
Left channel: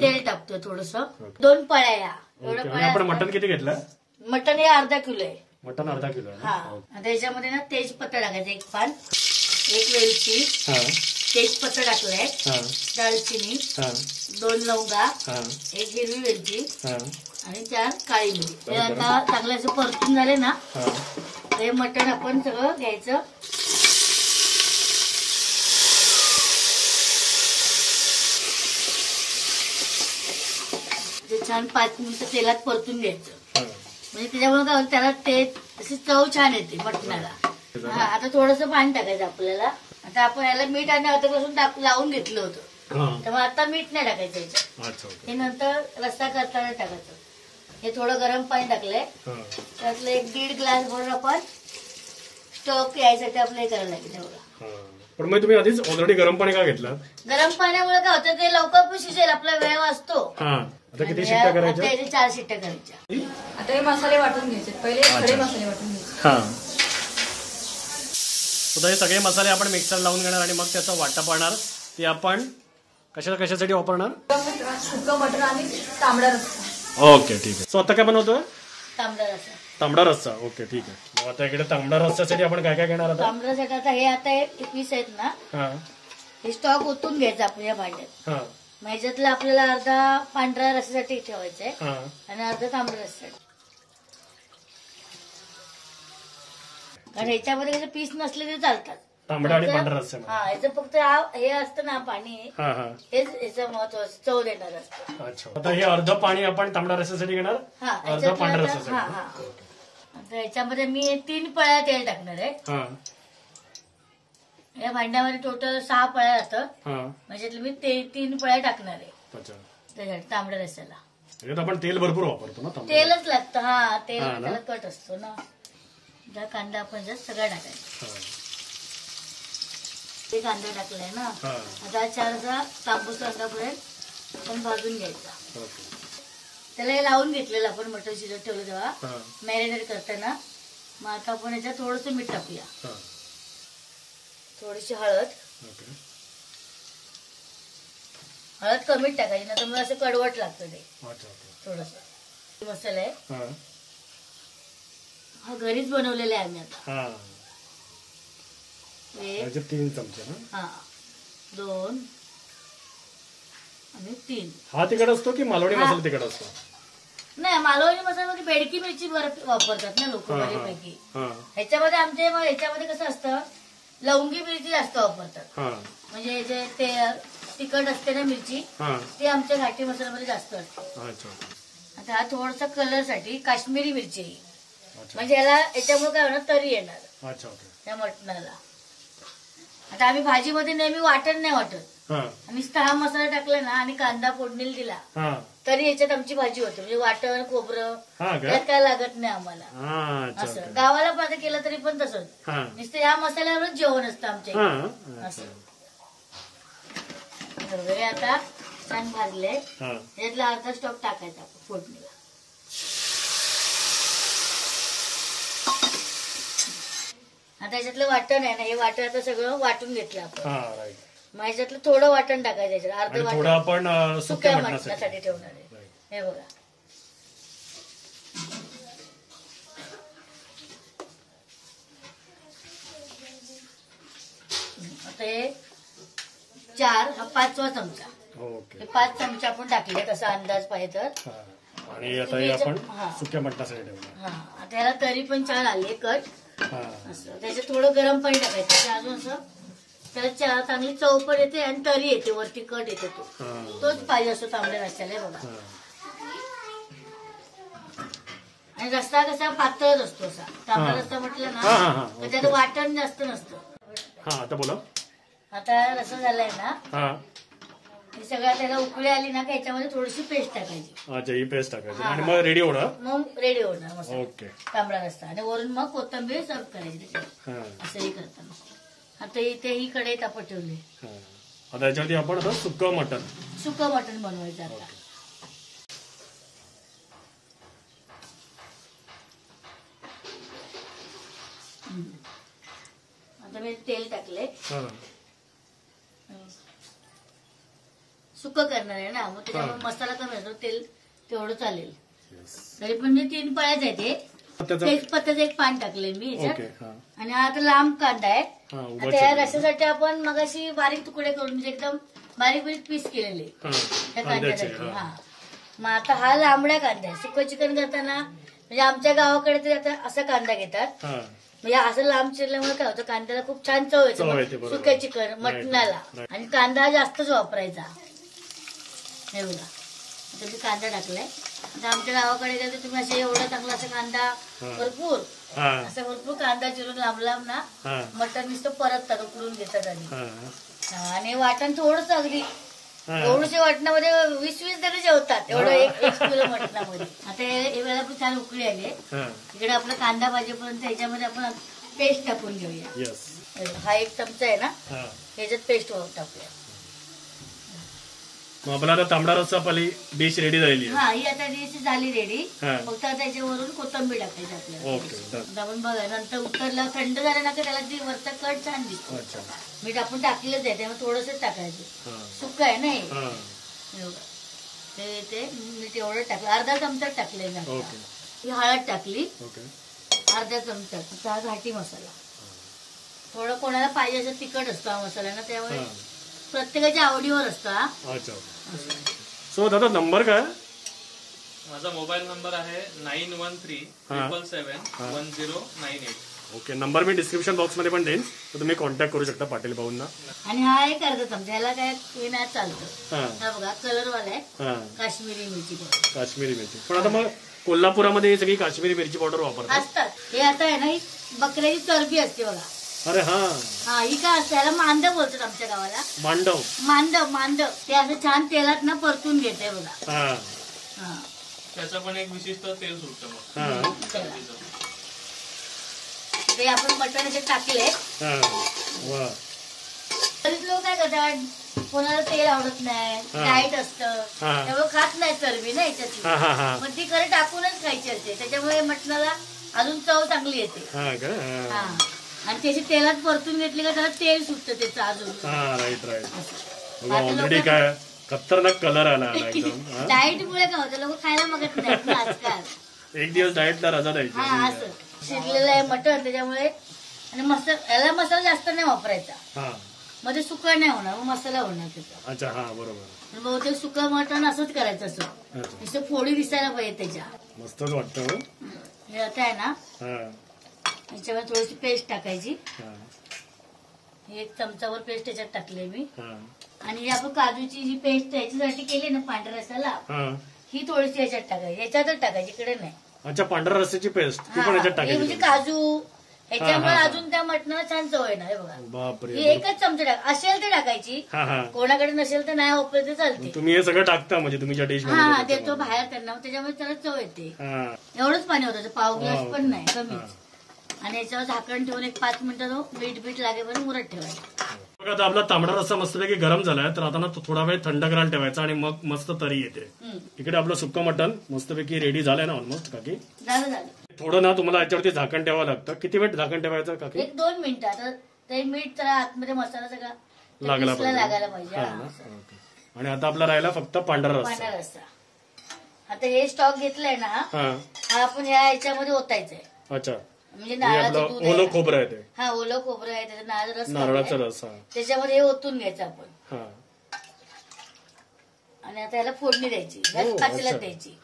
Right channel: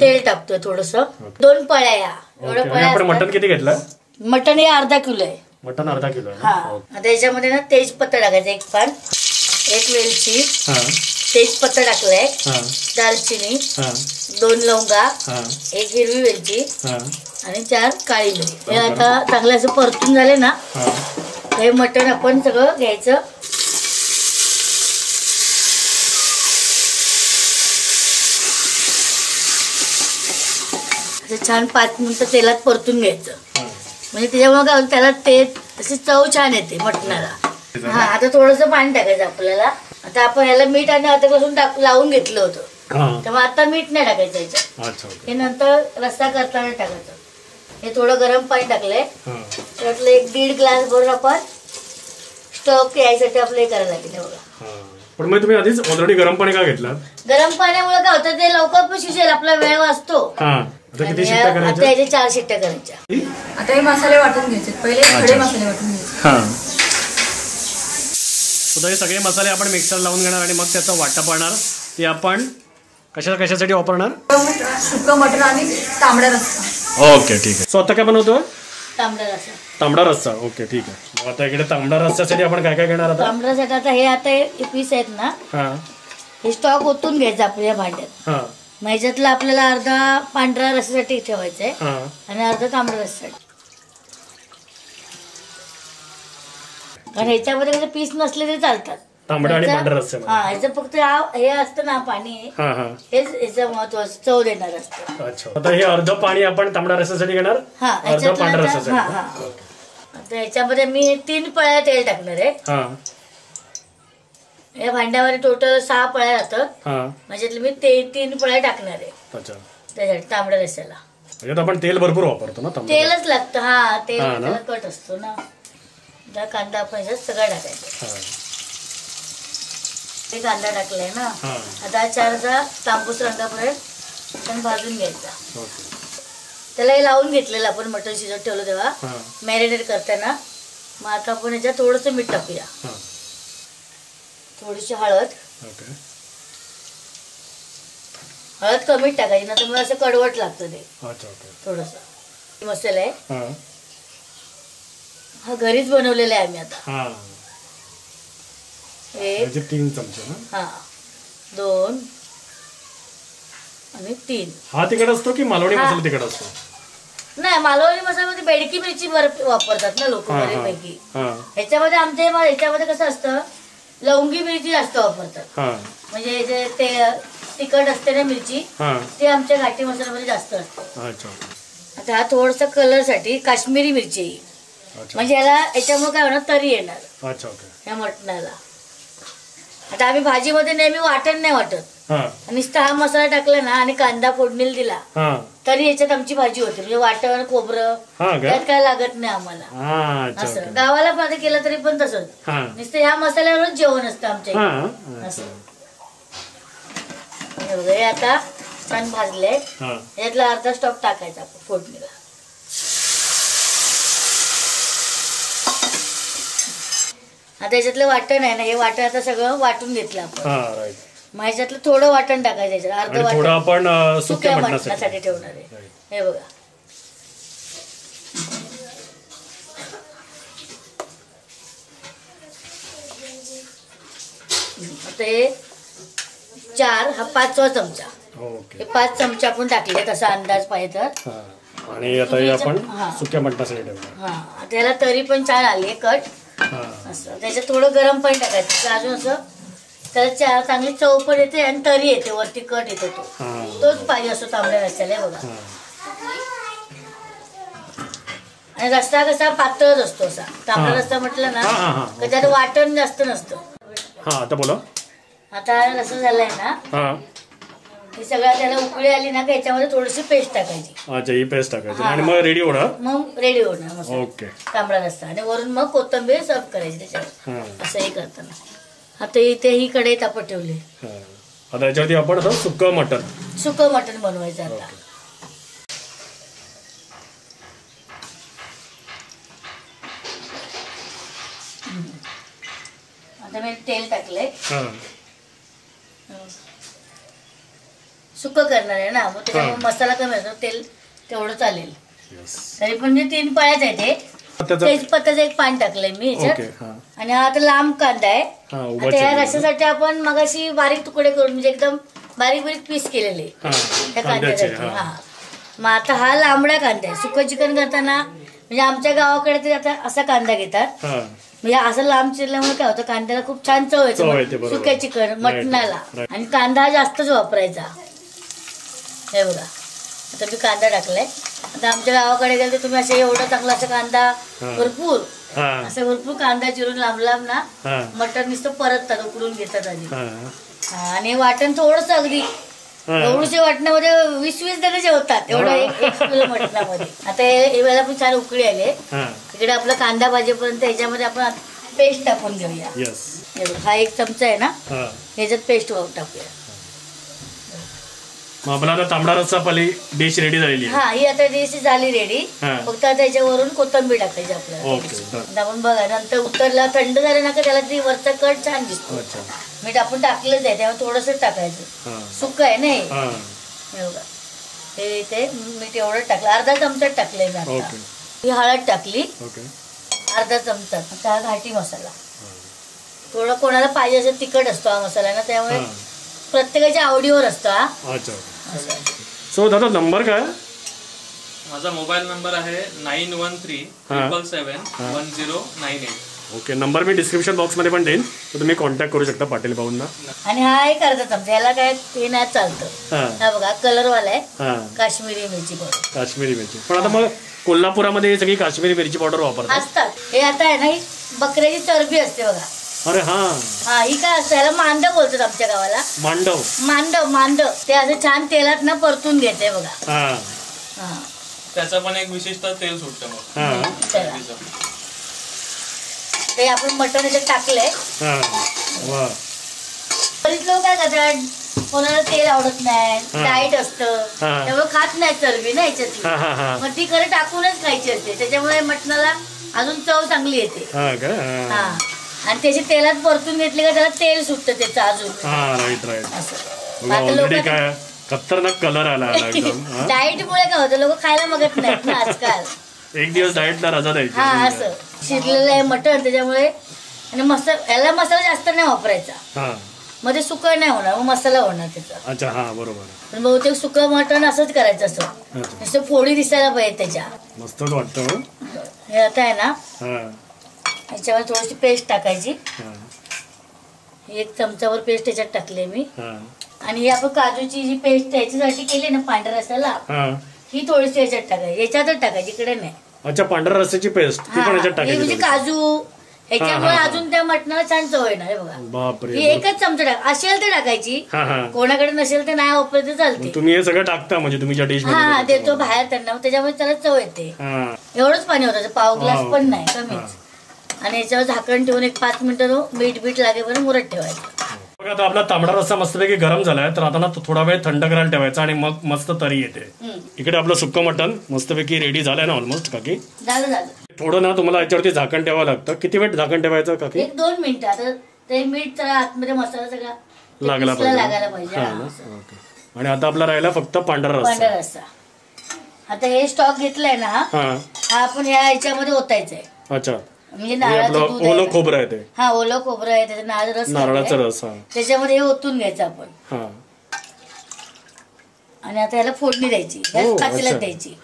तेल टाकतोय थोडस. 2 पळ्या या एवढ्या पळ्या. आपण मटण किती घेतलं? मटण हे अर्धा किलो आहे. मटण अर्धा किलो आहे. आता याच्यामध्ये ना तेजपत्ता टाकायचं 1 पान, 1 वेलची, तेजपत्ता टाकलाय, दालचिनी, 2 लवंगा, 1 हिरवी वेलची आणि 4 काळी मिरी. हे आता चांगलं असं परतून झाले ना, हे मटण आपण सगळं घ्यायचं. छान 5 मिनिटं तेलात परतून घ्यायचं, म्हणजे त्याच्यामुळे काय त्याला ते अशी चव छान येते मटणाला. हा, आता थोडंसं पाणी टाकायचं आपल्याला. आता आपण ह्याला मीठ आणि अद्रक लावून घेतलं होतं, तेव्हा आता मीठ नाही टाकायचं याच्यात. हे नंतर रस्सा करताना टाकायचं. हे थोडं गरम पाणी टाकलंय, त्यातलं 1-1.5 ग्लास भरून आपण स्टॉक यायसाठी आपलं हे करायला लागेल. बघा, पण मग तुम्ही आधीच ऑलरेडी गरम पाणी का घेतलं? गरम पाण्यामुळे काय होतं, ते लवकर पण शिजेल, आपला वेळ वाचतो. आता किती शिट्ट्या करायच्या? आता 4 शिट्ट्या करायच्या. आता हे मसाले वाटून घ्यायचे, पहिले खडे मसाले वाटून घ्यायचे. हे सगळे मसाले आपण मिक्सर लावून घेणार आणि मग त्याचा वाटा पाडणार. ते आपण कशासाठी वापरणार? सुक्कं मटण आणि तांबडा रस्सा. ओके, ठीक आहे. सो आता काय बनवतोय? तांबडा रस्सा. ओके, ठीक आहे. मग आता इकडे तांबडा रस्स्यासाठी आपण काय काय घेणार? आता तांबड्यासाठी आता हे पीस आहेत ना, हे स्टॉक ओतून घ्यायचं आपल्या भांड्यात. मग ह्याच्यातला आपल्याला अर्धा पांढरा रस्स्यासाठी ठेवायचंय आणि अर्धा तांबडा रस्स्यासाठी. कारण ह्याच्यामध्ये कसं पीस नसले तरी चालतात, तांबडा आणि पांढरा रस्सा. ह्याचं फक्त हे असतं ना पाणी, हेच ह्याचं महत्वाचं चव देणार असतं. अच्छा, आता हे अर्ध पाणी आपण तांबडा रस्स्यासाठी घेणार, अर्ध पांढरा रस्स्यासाठी. आता ह्याच्यामध्ये मी 3 पळ्या तेल टाकणार आहे. या भांड्यामध्ये टोटल 6 पळ्या जातात, म्हणजे मी 3 पळ्या टाकणार आहे त्याच्यासाठी तांबड्या रस्स्याला. आपण तेल भरपूर वापरतो ना, तेलच लागतं. हा, तेल कट असतो ना. कांदा आपण ह्याच्यात सगळा टाकायचा. हे कांदा टाकलाय ना, आता 4 तांबूस रंगापर्यंत पण भाजून घ्यायचा. त्याला हे लावून घेतलेलं आपण मटण शिजत ठेवलं तेव्हा मॅरिनेट करताना. मग आता आपण ह्याच्यात थोडंसं मीठ टाकूया, थोडीशी हळद. हळद कमीच टाकायची, ना तर मला असं कडवट लागतं ते. थोडंसं मसाला आहे, हा घरीच बनवलेला आहे आम्ही. आता 3 चमचे ना, 2 आणि 3. हा तिखट असतो की मालवणी मसाला तिखट असतो? नाही, मालवणी मसाल्यामध्ये बेडकी मिरची वापरतात ना लोक बऱ्यापैकी. ह्याच्यामध्ये ह्याच्यामध्ये कसं असतं, लवंगी मिरची जास्त वापरतात. म्हणजे जे ते तिखट असते ना मिरची, ते आमच्या घाटी मसाल्यामध्ये जास्त असते. आता हा थोडस कलर साठी काश्मीरी मिरची, म्हणजे याच्यामुळे काय होणार, तरी येणार या मटणाला. आता आम्ही भाजीमध्ये नेहमी वाटण नाही वाटत, नुसता हा मसाला टाकला ना आणि कांदा फोडणीला दिला तरी याच्यात आमची भाजी होते. म्हणजे वाटण खोबरं यात काय लागत नाही आम्हाला. असं गावाला पण केलं तरी पण तसंच, नुसतं ह्या मसाल्यावरच जेवण असतं आमच्या असं. हे आता छान भाजले, यातला अर्धा स्टॉक टाकायचा आपण फोडणीला. आता याच्यातलं वाटण आहे ना, हे वाटण आता सगळं वाटून घेतलं आपण. मग ह्याच्यातलं थोडं वाटण टाकायचं, याच्यात अर्ध वाटण आपण सुक्या मटणासाठी ठेवणार आहे. हे बघा, आता हे 4, हा 5वा चमचा. हे 5 चमचे आपण टाकले तसा अंदाज पाहिजे तर. आणि आता आपण सुक्या मटणासाठी ठेवणार. आता याला तरी पण छान आली कट. असं त्याच्यात थोडं गरम पाणी टाकायचं, अजून असं त्याला चांगली चव पण येते आणि तरी येते, वरती कट येतो. तोच पाहिजे असतो तांबड्या रस्स्याला. बघा, आणि रस्सा कसा पातळच असतो असा. तांबडा रस्सा म्हटलं ना तर त्यात वाटण जास्त नसतं. आता बोला, आता रस्सा झालाय ना, ही सगळ्या त्याला उकळी आली ना, याच्यामध्ये थोडीशी पेस्ट टाकायची. अच्छा, ही पेस्ट टाकायची आणि मग रेडी होणार. मग रेडी होणार ओके तांबडा रस्सा. आणि वरून मग कोथिंबीर सर्व करायची त्याच्यात. असंही करताना आता इथे ही कढई तापत ठेवली. आता याच्यावरती आपण आता सुक्कं मटण बनवायचं. आता मी तेल टाकलंय, सुक्कं करणार आहे ना, मग त्याच्यामुळे मसाला कमी असतो, तेल तेवढं चालेल. तरी पण 3 पळ्याच आहे ते, तेजपत्ताचं एक पान टाकलंय मी याच्यात. आणि आता लांब कांदा आहे. त्या रस्स्यासाठी आपण मगाशी बारीक तुकडे करून म्हणजे एकदम बारीक बारीक पीस केलेले त्या कांद्यासाठी. मग आता हा लांबडा कांदा आहे. सुकं चिकन करताना म्हणजे आमच्या गावाकडे ते आता असा कांदा घेतात. म्हणजे असं लांब चिरल्यामुळे काय होतं कांद्याला खूप छान चव येते सुक्या चिकन मटणाला. आणि कांदा हा जास्तच वापरायचा. हे बघा आता मी कांदा टाकलाय. आता आमच्या गावाकडे गेले तर तुम्ही असं एवढा चांगला असं कांदा भरपूर असं भरपूर कांदा चिरून लांब लांब ना मटण नुसतं परततात उकडून घेतात आधी. आणि वाटण थोडंसं अगदी एवढ्याच्या वाटणामध्ये 20-20 जण जेवतात एवढं एक किलो मटणामध्ये. आता हे वेळेला पण छान उकळी आले. इकडे आपला कांदा भाजीपर्यंत याच्यामध्ये आपण पेस्ट टाकून घेऊया. हा 1 चमचा आहे ना याच्यात पेस्ट टाकूया. आपला तांबडा रस्सा पाली डिश रेडी झालेली आहे. हा ही आता डिश झाली रेडी. फक्त त्याच्यावरून कोथिंबीर टाकायची आपल्याला. आपण बघा नंतर उतरला थंड झालं ना का त्याला ती वरचा कट छान दिसतो. मीठ आपण टाकलंच आहे त्यामुळे थोडंसं टाकायचं. सुक्क आहे ना हे बघा हे ते मीठ एवढं टाकलं अर्धा चमचा टाकलंय मी. ही हळद टाकली अर्धा चमचा. आता घाटी मसाला थोडं कोणाला पाहिजे असं तिखट असतो हा मसाला ना त्यामुळे प्रत्येकाच्या आवडीवर असतं. सो दादा नंबर काय? माझा मोबाईल नंबर आहे 9137771098. ओके नंबर मी डिस्क्रिप्शन बॉक्स मध्ये पण देईन तर तुम्ही कॉन्टॅक्ट करू शकता पाटील भाऊंना. आणि हा एक अर्धा चमचा याला काय ते नाही चालतं. हा बघा कलर वाला आहे काश्मीरी मिरची पावडर. काश्मीरी मिरची पण आता मग कोल्हापुरामध्ये सगळी काश्मीरी मिरची पावडर वापरतात असतात. हे आता आहे ना ही बकऱ्याची चरबी असते बघा. अरे हा ही काय असतं याला मांडव बोलतात आमच्या गावाला. मांडव ते असं छान तेलात ना परतून घेते बघा. त्याचं पण एक विशिष्ट तेल सुटतं. ते आपण मटण याच्यात टाकलंय. बरीच लोक काय करतात कोणाला तेल आवडत नाही डाएट असतं त्यामुळे खात नाही चरबी ना याच्यात. मग ती खरं टाकूनच खायची असते त्याच्यामुळे मटणाला अजून चव चांगली येते. आणि त्याची तेलात परतून घेतली का त्याला तेल सुटतं त्याचं अजून. ऑलरेडी काय खतरनाक कलर आला. डाएट मुळे काय होतं लोक खायला बघत नाहीत ना आजकाल. एक दिवस डाएटला रजा द्यायची. असं शिजलेलं आहे मटण त्याच्यामुळे. आणि याला मसाला जास्त नाही वापरायचा. मध्ये सुकं नाही होणार मग मसाला होणार त्याचा. अच्छा हा बरोबर. पण बहुतेक सुकं मटण असंच करायचं असं नुसतं फोडी दिसायला पाहिजे त्याच्या. मस्तच वाटतं. हे आता आहे ना याच्यावर थोडीशी पेस्ट टाकायची. 1 चमचावर पेस्ट त्याच्यात टाकली मी. आणि ही आपण काजूची जी पेस्ट याच्यासाठी केली ना पांढऱ्या रस्स्याला ही थोडीशी याच्यात टाकायची. याच्यातच टाकायची इकडे नाही. अच्छा पांढऱ्या रस्स्याची पेस्ट ती पण याच्यात टाकायची म्हणजे काजू ह्याच्यामुळे अजून त्या मटणाला छान चव येणार. बघा बापरे. ही 1च चमचा टाक असेल तर टाकायची कोणाकडे नसेल तर नाही वापरत तर चालते. तुम्ही हे सगळं टाकता म्हणजे तुम्ही डिश देतो बाहेर त्यांना त्याच्यामुळे त्याला चव येते. एवढंच पाणी होतं पाव ग्लास पण नाही कमीच. आणि याच्यावर झाकण ठेवून 1-5 मिनिटं मीठ लागेपर्यंत मुरत ठेवायचं. बघा आता आपला तांबडा रस्सा मस्तपैकी गरम झालाय तर आता ना थोडा वेळ थंड करायला ठेवायचा आणि मग मस्त तरी येते. इकडे आपलं सुक्क मटण मस्तपैकी रेडी झालंय ना ऑलमोस्ट काकी. झालं थोडं ना तुम्हाला याच्यावरती झाकण ठेवावं लागतं. किती वेळ झाकण ठेवायचं काकी? 1-2 मिनिटं. आता ते मीठ आतमध्ये मसाला सगळा लागायला पाहिजे. आणि आता आपला राहिला फक्त पांढरा रस्सा. आता हे स्टॉक घेतलाय ना हा आपण ह्याच्यामध्ये ओतायचंय. अच्छा म्हणजे नारळाचं दूध ओलं खोबरं आहे ते. ओलं खोबरं आहे त्याचं नारळाचा रस त्याच्यामध्ये हे ओतून घ्यायचं आपण. आणि आता ह्याला फोडणी द्यायची पातेल्यात द्यायची.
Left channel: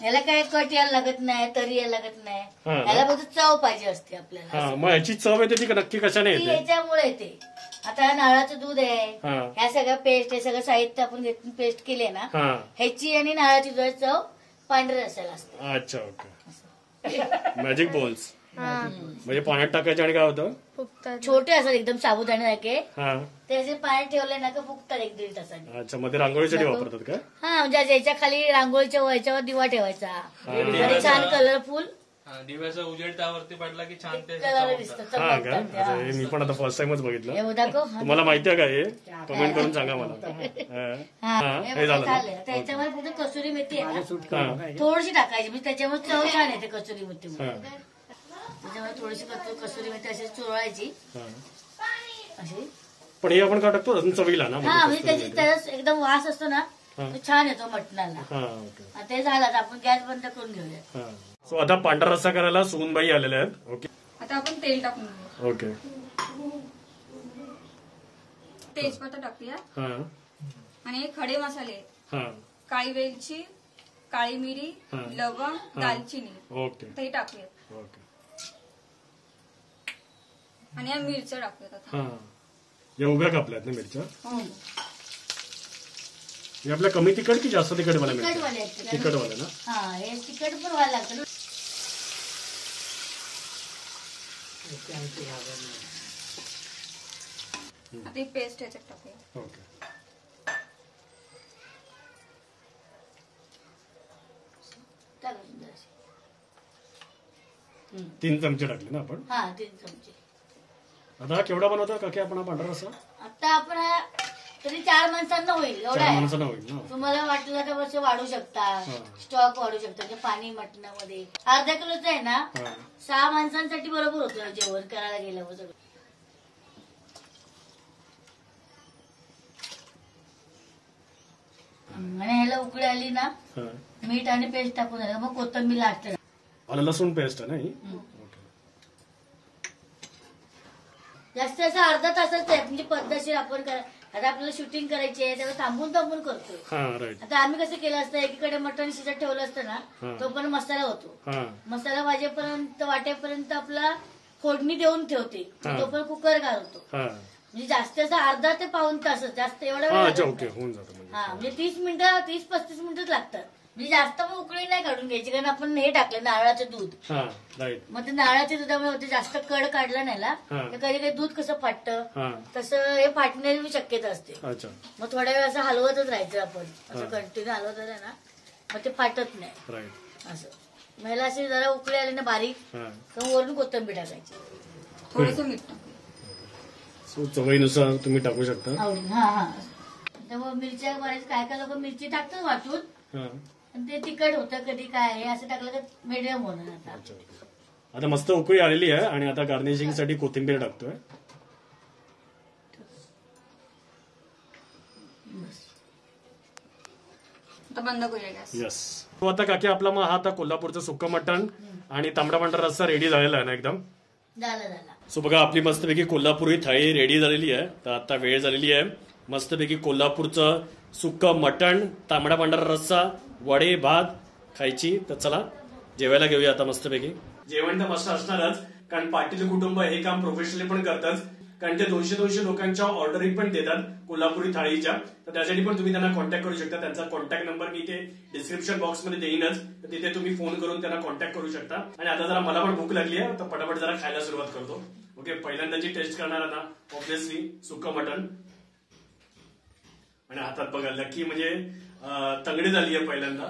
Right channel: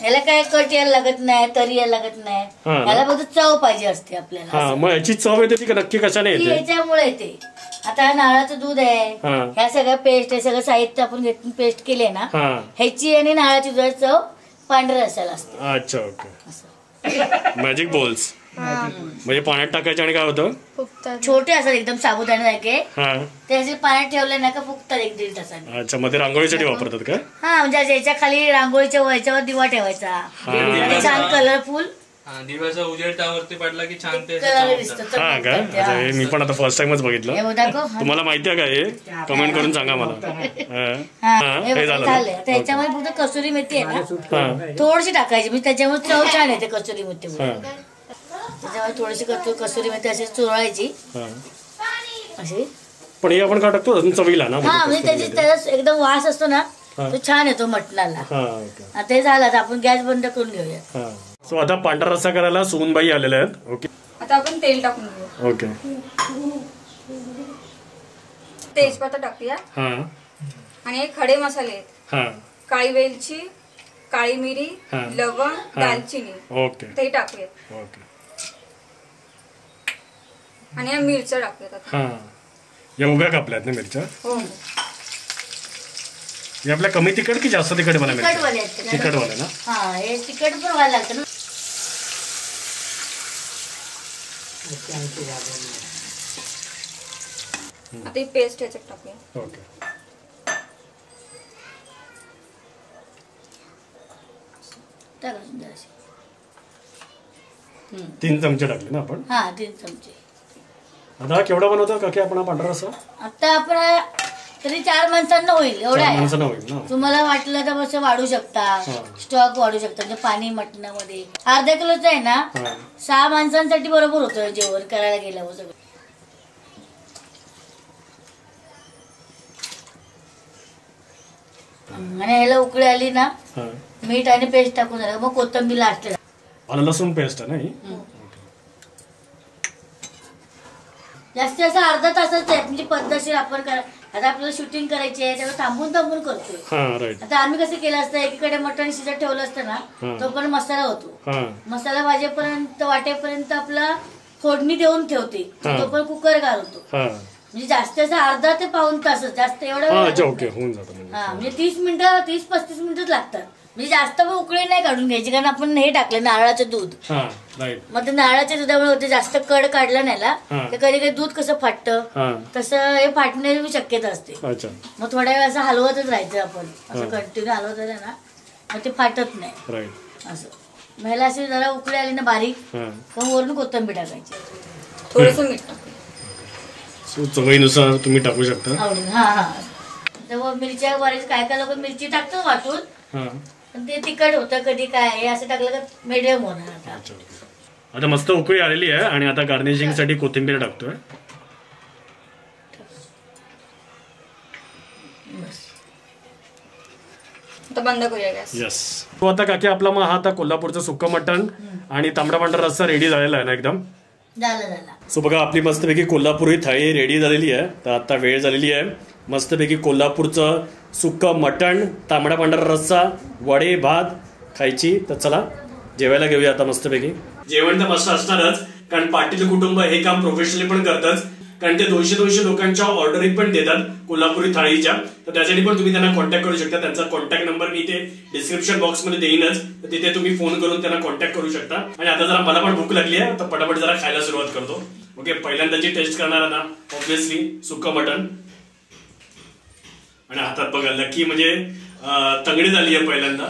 ह्याला काय कट यायला लागत नाही तरी यायला लागत नाही. ह्याला फक्त चव पाहिजे असते आपल्याला. मग याची चव येते ती नक्की कशाने येते? याच्यामुळे येते. आता नारळाचं दूध आहे ह्या सगळ्या पेस्ट हे सगळं साहित्य आपण घेऊन पेस्ट केले ना ह्याची आणि नारळाची दुधाची चव पांढऱ्या रस्स्याला असते. अच्छा ओके. मॅजिक बॉल्स म्हणजे पाण्यात टाकायचे आणि काय होतं छोटे असतात एकदम साबुदाण्यासारखे त्याचे पाण्यात ठेवले ना का फुगतात 1-1.5 तासाने. अच्छा मध्ये रांगोळीसाठी वापरतात का? म्हणजे याच्या खाली रांगोळीच्या याच्यावर दिवा ठेवायचा छान कलरफुल. दिव्याचा उजेड त्यावरती पडला की छान ते कलर दिसतो. मी पण आता फर्स्ट टाइमच बघितलं. तुम्हाला माहिती आहे का हे? कमेंट करून सांगा मला. हे झालं त्याच्यामध्ये फक्त कसुरी मेथी आहे ना थोडीशी टाकायची म्हणजे त्याच्यामुळे चव छान येते कसुरी मेथी. त्याच्यामध्ये थोडीशी कसुरी मेथी अशी चोळायची अशी. पण हे आपण काय टाकतो चवीला ना म्हणजे त्याचा एकदम वास असतो ना तो छान येतो मटणाला. आता हे झालं, आता आपण गॅस बंद करून घेऊया. सो आता पांढरा रस्सा करायला सुनबाई आलेल्या आहेत. ओके, आता आपण तेल टाकून घेऊ. ओके, तेजपत्ता टाकूया आणि हे खडे मसाले आहेत. काळी वेलची, काळी मिरी, लवंग, दालचिनी. ओके, ते टाकूया. ओके, आणि या मिरच्या टाकूयात. एवढ्या कापल्यात ना मिरच्या? हो. हे आपल्या कमी तिखट की जास्त तिखट मला तिखट वाले ना? हे तिखट पण व्हायला लागतं ना. आता ही पेस्ट याच्यात टाकूया. ओके, 3 चमचे टाकले ना आपण? 3 चमचे. आता केवढा बनवतो काकी आपण हा पांढरा रस्सा? आता आपण तरी 4 माणसांना होईल. एवढ्या माणसांना होईल ना? तुम्हाला वाटलं तर असं वाढू शकता, स्टॉक वाढू शकता. म्हणजे पाणी मटणामध्ये अर्धा किलोचं आहे ना, 6 माणसांसाठी बरोबर होतं जेवण करायला गेल्यावर सगळं. आणि ह्याला उकळी आली ना, मीठ आणि पेस्ट टाकून झालं, मग कोथिंबीर लास्ट. आलं लसूण पेस्ट आहे ना ही? जास्तीत जास्त अर्धा तासाच आहे. म्हणजे पद्धतशीर आपण आता आपल्याला शूटिंग करायची आहे तेव्हा थांबून थांबून करतोय. आता आम्ही कसं केलं असतं, एकीकडे मटण शिजत ठेवलं असतं ना, तो पण मसाला होतो. मसाला भाजेपर्यंत वाटेपर्यंत आपला फोडणी देऊन ठेवते, तो पण कुकर घालतो. म्हणजे जास्त अर्धा ते पाऊण तासच, जास्त एवढा होऊन जातं. म्हणजे 30 मिनिटं 30-35 मिनिटच लागतात. म्हणजे जास्त पण उकळी नाही काढून घ्यायची, कारण आपण हे टाकलं नारळाचं दूध. मग ते नारळाच्या दुधामुळे होते, जास्त कड काढलं नाही ना, कधी कधी दूध कसं फाटतं तसं हे फाटण्याची शक्यता असते. मग थोड्या वेळ असं हलवतच राहायचं आपण, असं कंटिन्यू हलवत राहिलं ना मग ते फाटत नाही. असं महिला अशी जरा उकळी आली ना बारीक, मग वरून कोथिंबीर टाकायची, थोडंसं मीठ टाकायचं. चवीनुसार तुम्ही टाकू शकता आवडून. तेव्हा मिरच्या बरेच काय काय लोक मिरची टाकतात वाटून, पण ते तिखट होतं कधी काय, हे असं टाकलं का मीडियम होणार. आता मस्त उकळी आलेली आहे आणि आता गार्निशिंग साठी कोथिंबीर टाकतोय. बंद करूया गॅस. येस. तो आता काकी आपला मग हा आता कोल्हापूरचं सुक्क मटण आणि तांबडा पांढरा रस्सा रेडी झालेला आहे ना एकदम? झालं. सो बघा आपली मस्तपैकी कोल्हापुरी थाळी रेडी झालेली आहे. तर आता वेळ झालेली आहे मस्तपैकी कोल्हापूरचं सुक्क मटण, तांबडा पांढरा रस्सा, वडे, भात खायची. तर चला जेवायला घेऊया आता मस्तपैकी. जेवण तर मस्त असणारच, कारण पाटील कुटुंब हे काम प्रोफेशनली पण करतच, कारण ते 200 लोकांच्या ऑर्डरी पण देतात कोल्हापुरी थाळीच्या. तर त्यासाठी पण तुम्ही त्यांना कॉन्टॅक्ट करू शकता. त्यांचा कॉन्टॅक्ट नंबर मी इथे डिस्क्रिप्शन बॉक्समध्ये देईनच, तर तिथे तुम्ही फोन करून त्यांना कॉन्टॅक्ट करू शकता. आणि आता जरा मला पण भूक लागली आहे, तर पटापट जरा खायला सुरुवात करतो. ओके, पहिल्यांदाची टेस्ट करणार ना ऑब्व्हियसली सुक्क मटण. आणि हातात बघा लकी म्हणजे तंगडी झाली आहे पहिल्यांदा.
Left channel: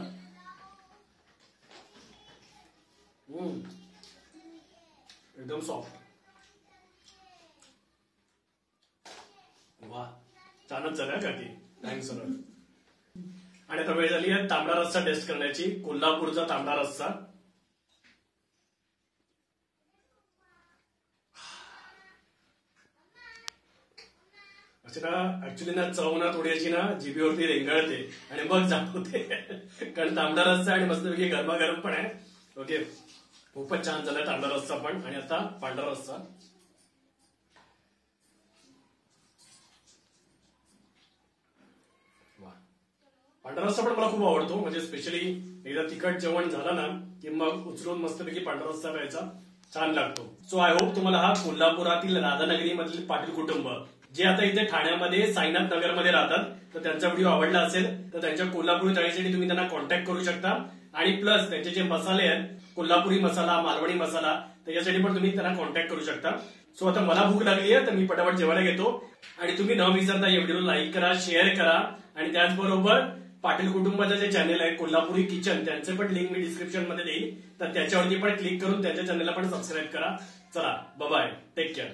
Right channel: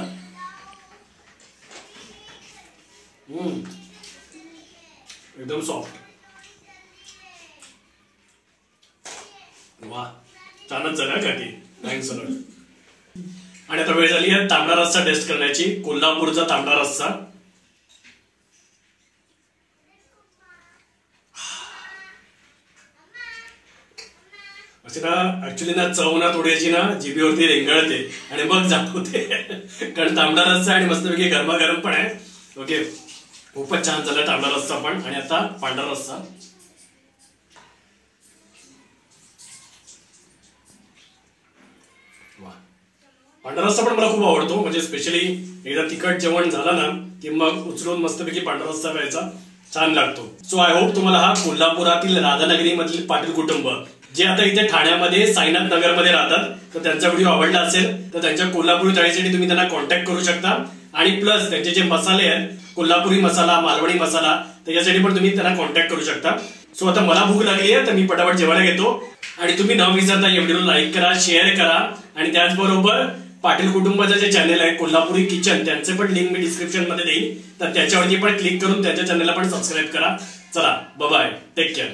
एकदम सॉफ्ट. वा, छानच झालं काकी, थँक्स अ लॉट. आणि आता वेळ झाली आहे तांबडा रस्सा टेस्ट करण्याची. कोल्हापूरचा तांबडा रस्सा. अशी ना ऍक्च्युली ना चव ना थोडीशी ना जिभेवरती रेंगाळते आणि मग जाणवते, कारण तांबडा रस्सा आणि मस्तपैकी गरमागरम पण आहे. ओके, खूपच छान झाला तांबडा रस्सा पण. आणि आता पांढरा रस्सा. पांढरा रस्सा पण मला खूप आवडतो. म्हणजे स्पेशली एकदा तिखट जेवण झालं ना की मग उचलून मस्तपैकी पांढरा रस्सा प्यायचा, छान लागतो. सो आय होप तुम्हाला हा कोल्हापुरातील राधानगरी मधील पाटील कुटुंब जे आता इथे ठाण्यामध्ये साईनाथ नगरमध्ये राहतात, तर त्यांचा व्हिडिओ आवडला असेल तर त्यांच्या कोल्हापुरी थाळीसाठी तुम्ही त्यांना कॉन्टॅक्ट करू शकता. आणि प्लस त्यांचे जे मसाले आहेत, कोल्हापुरी मसाला, मालवणी मसाला, त्याच्यासाठी पण तुम्ही त्यांना कॉन्टॅक्ट करू शकता. सो आता मला भूक लागली आहे, तर मी पटापट जेवायला घेतो. आणि तुम्ही न विसरता या व्हिडिओला लाईक करा, शेअर करा. आणि त्याचबरोबर पाटील कुटुंबाचं जे चॅनल आहे कोल्हापुरी किचन, त्यांचे पण लिंक मी डिस्क्रिप्शन मध्ये देईन, तर त्याच्यावरती पण क्लिक करून त्यांच्या चॅनलला पण सबस्क्राईब करा. चला बाय, टेक केअर.